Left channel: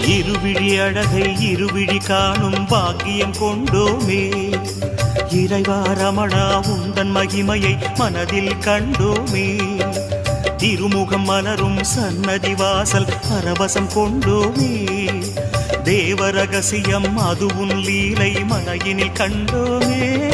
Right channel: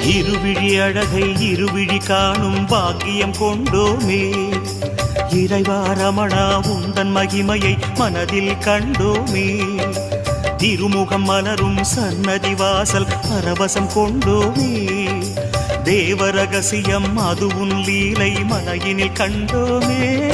இருவிழி அழகை இருவிழி காணும் பாக்கியம் கொண்டோமே. இறைவா ரமணா உந்தன் மகிமையை மனதில் கண்டோமே. திருமுகம் மலரும் சன்னதி வாசல் பரவசம் கொண்டோமே. தேவ ரகசியம் அது உன் லீலை மலையினில் கண்டோமே.